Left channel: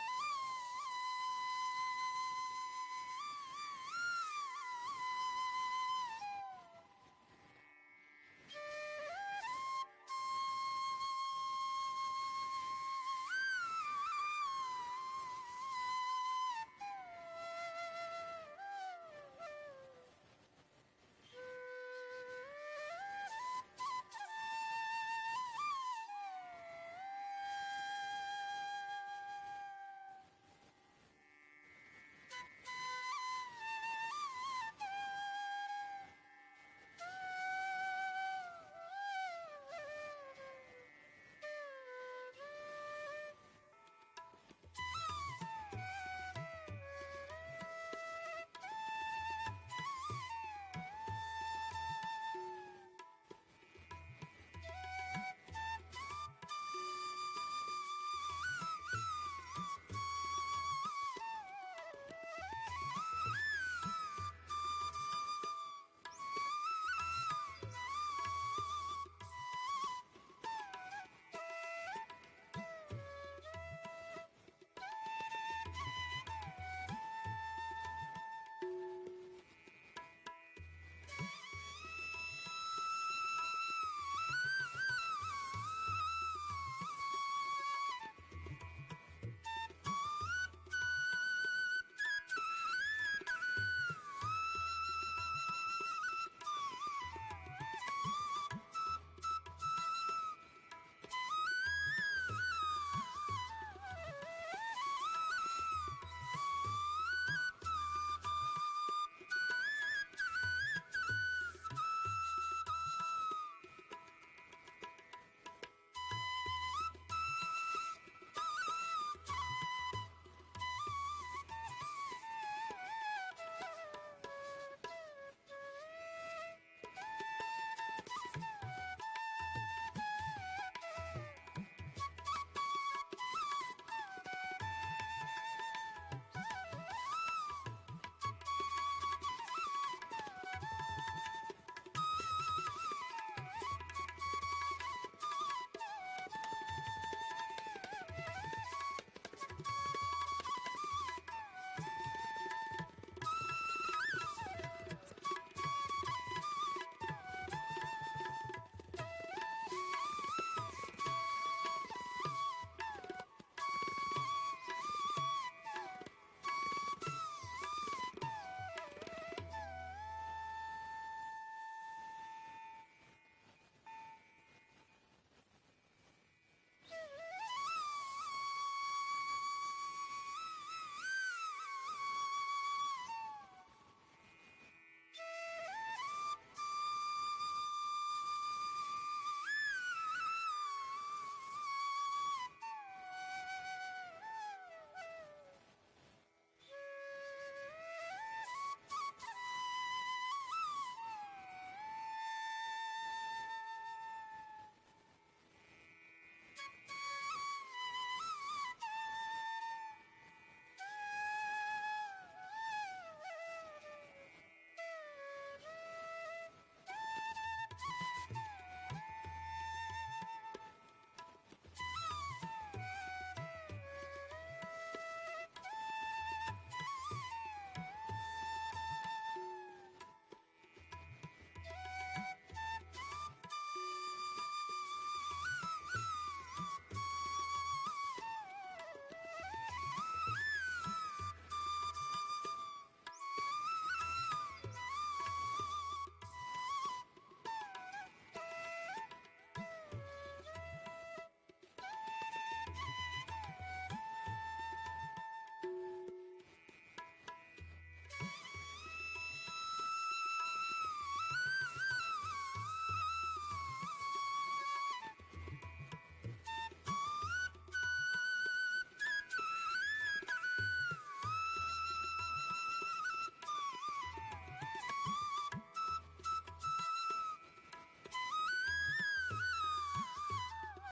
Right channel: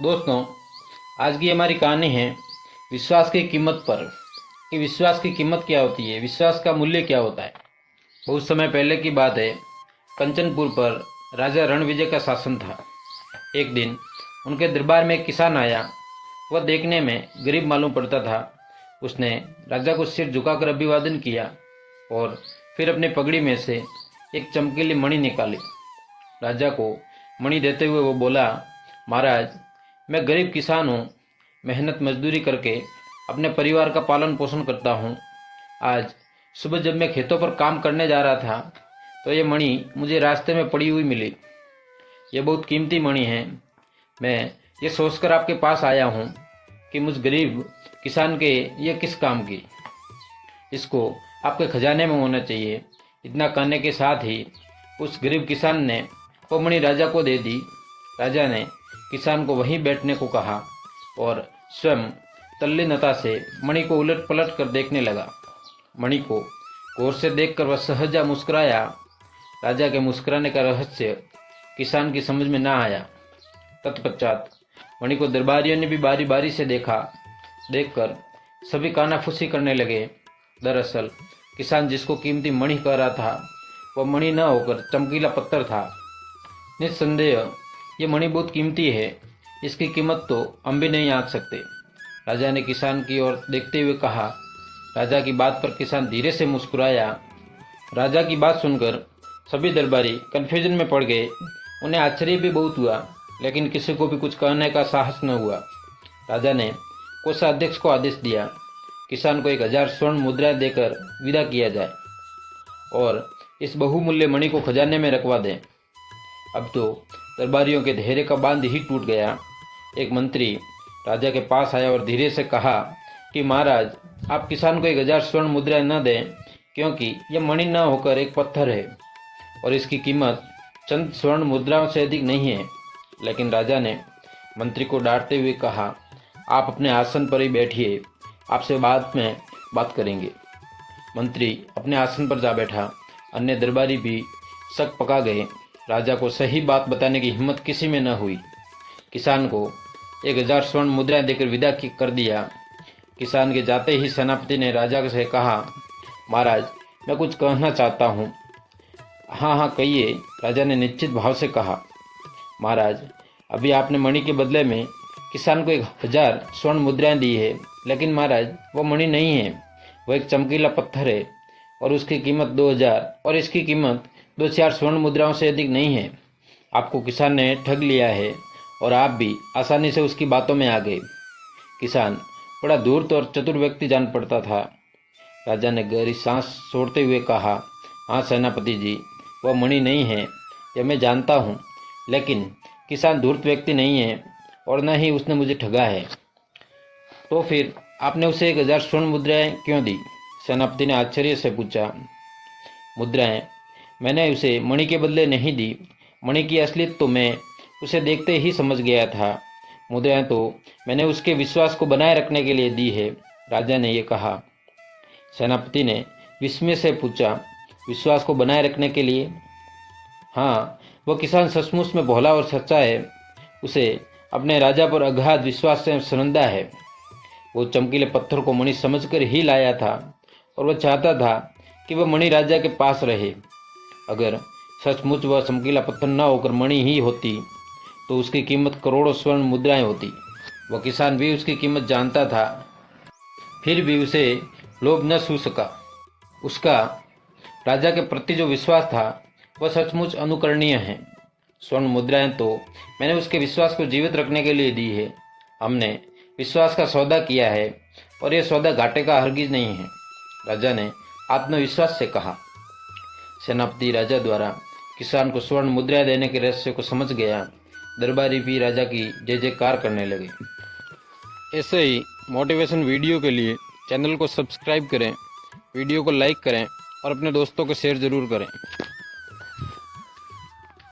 दोस्तों, आज की हमारी कहानी है विश्वास की कीमत पर कि विश्वास की कीमत क्या होती है, विश्वास का मूल्य क्या होता है। बहुत समय पहले की बात है। कंचनपुर पर राजा रणविजय का शासन था। एक दिन उनके दरबार में एक किसान आया। वह देखने में गरीब मालूम पड़ता था। उसने राजा को सिर झुकाकर अभिवादन किया और फिर अपनी पगड़ी में से एक चमकीली मणि निकाली। राजा को मणि देते हुए वो बोला, महाराज, मैं गरीब किसान हूँ। मेहनत मजदूरी करके अपने परिवार का पालन पोषण करता हूँ। आज सुबह जब मैं खेतों पर काम करने जा रहा था तो ये मणि मुझे रास्ते में पड़ी हुई मिली। ये बहुत कीमती मणि है। मैं ये सोचकर आपके पास आया हूँ कि मुझ गरीब किसान के ये किस काम की। इसको आपके खजाने में होना चाहिए। इतना कहने के साथ ही उस गरीब किसान ने वो मणि राजा को दे दी। राजा ने किसान को वहीं बैठने को कहा और स्वयं तल्लीनता से मणि को उलट पलट कर देखने लगा। मणि को गौर से देखकर वह सहजा मुस्कुराया। राजा के मुस्कुराने का रहस्य किसान की समझ में ना आया। तत्पश्चात मणि को दरबारियों ने भी बारी बारी से देखा। देखकर सभी कानाफूसी करने लगे। दरअसल किसान जिसको कीमती मणि कह रहा था वह मणि न होकर चमकीला पत्थर था। निस्संदेह ये मणि बहुत कीमती है। इसकी कीमत तो हम भी नहीं आंक सकते। राजा ने किसान की ओर देखते हुए कहा। राजा की बात पर किसान धीरे से मुस्कुराया। राजा की बात सुनकर सभी दरबारी कन्फ्यूजन में पड़ गए। उन्हें आश्चर्य भी बहुत हुआ, लेकिन किसी को भी कुछ कहने का साहस न हुआ। राजा ने कोषाध्यक्ष को आदेश दिया, किसान को 1000 स्वर्ण मुद्राएं देकर विदा किया जाए और इस बहुमूल्य मणि को खजाने में रखवा दें। अब तो दरबारियों के धैर्य का बांध ही टूट गया। एक मंत्री राजा के पास आया और धीरे से कहा कि महाराज, आप किसान को 1000 स्वर्ण मुद्राएं न दें, क्योंकि यह मणि न होकर एक पत्थर है और इसकी कीमत चंद स्वर्ण मुद्राओं से अधिक नहीं है। लेकिन राजा ने मंत्री को डांटते हुए कहा, आप अपने आसन पर ही बैठिए, आपसे बाद में बात करेंगे। मंत्री अपने आसन पर जा बैठा। अन्य दरबारी भी शक पका गए। राजा को सही बात बताने की हिम्मत किसी में न हुई। किसान को 1000 स्वर्ण मुद्राएं देकर विदा कर दिया। किसान के जाते ही सेनापति ने राजा से कहा, महाराज, मैं कुछ कहना चाहता हूँ। हाँ हाँ कहिए, राजा ने निश्चित भाव से कहा। महाराज, अभी आपने मणि के बदले में किसान को 1000 स्वर्ण मुद्राएं दी है, लेकिन महाराज वो मणि नहीं है, वो एक चमकीला पत्थर है और उसकी कीमत 2000 और इसकी कीमत 2-4 स्वर्ण मुद्राओं से अधिक नहीं है। आपको किसान ने ठग लिया है और आप भी आसानी से उसकी बातों में आ गए। किसान बड़ा धूर्त और चतुर व्यक्ति जान पड़ता था। राजा ने गहरी सांस छोड़ते हुए कहा, हाँ सेनापति जी, वह मणि नहीं है, यह मैं जानता हूँ, लेकिन किसान धूर्त व्यक्ति नहीं है और न ही उसने मुझे ठगा है। तो फिर आपने उसे 1000 स्वर्ण मुद्राएं क्यों दी? सेनापति ने आश्चर्य से पूछा। मुद्राएं मैंने उसे मणि के बदले नहीं दी। मणि की असलियत तो मैं उसे देखते ही समझ गया था। मुद्राएं तो मैंने उसके विश्वास को बनाए रखने के लिए दी है, राजा ने यह कहा। सेनापति ने विस्मय से पूछा, विश्वास को बनाए रखने के लिए? हाँ, वह किसान सचमुच में भोला और सच्चा है। उसे अपने राजा पर अगाध विश्वास से श्रद्धा है। वो चमकीले पत्थर को मणि समझकर ही लाया था और वह चाहता था कि वह मणि राजा के पास रहे। अगर सचमुच वह चमकीला पत्थर न होकर मणि ही होती तो उसकी कीमत करोड़ों स्वर्ण मुद्राएं होती। वह किसान भी उसकी कीमत जानता था, फिर भी उसे लोभ न छू सका। उसका राजा के प्रति जो विश्वास था वह सचमुच अनुकरणीय है। स्वर्ण मुद्राएं तो मैंने उसके विश्वास को जीवित रखने के लिए दी है। हमने विश्वास का सौदा किया है और यह सौदा घाटे का हरगिज नहीं है, राजा ने आत्मविश्वास से कहा। सेनापति राजा द्वारा किसान को स्वर्ण मुद्राएं देने के रहस्य को समझ गया। दरबारी भी राजा की जय जयकार करने लगे। ऐसे ही मोटिवेशन वीडियो के लिए चैनल को सब्सक्राइब करें, वीडियो को लाइक करें और अपने दोस्तों को शेयर ज़रूर करें।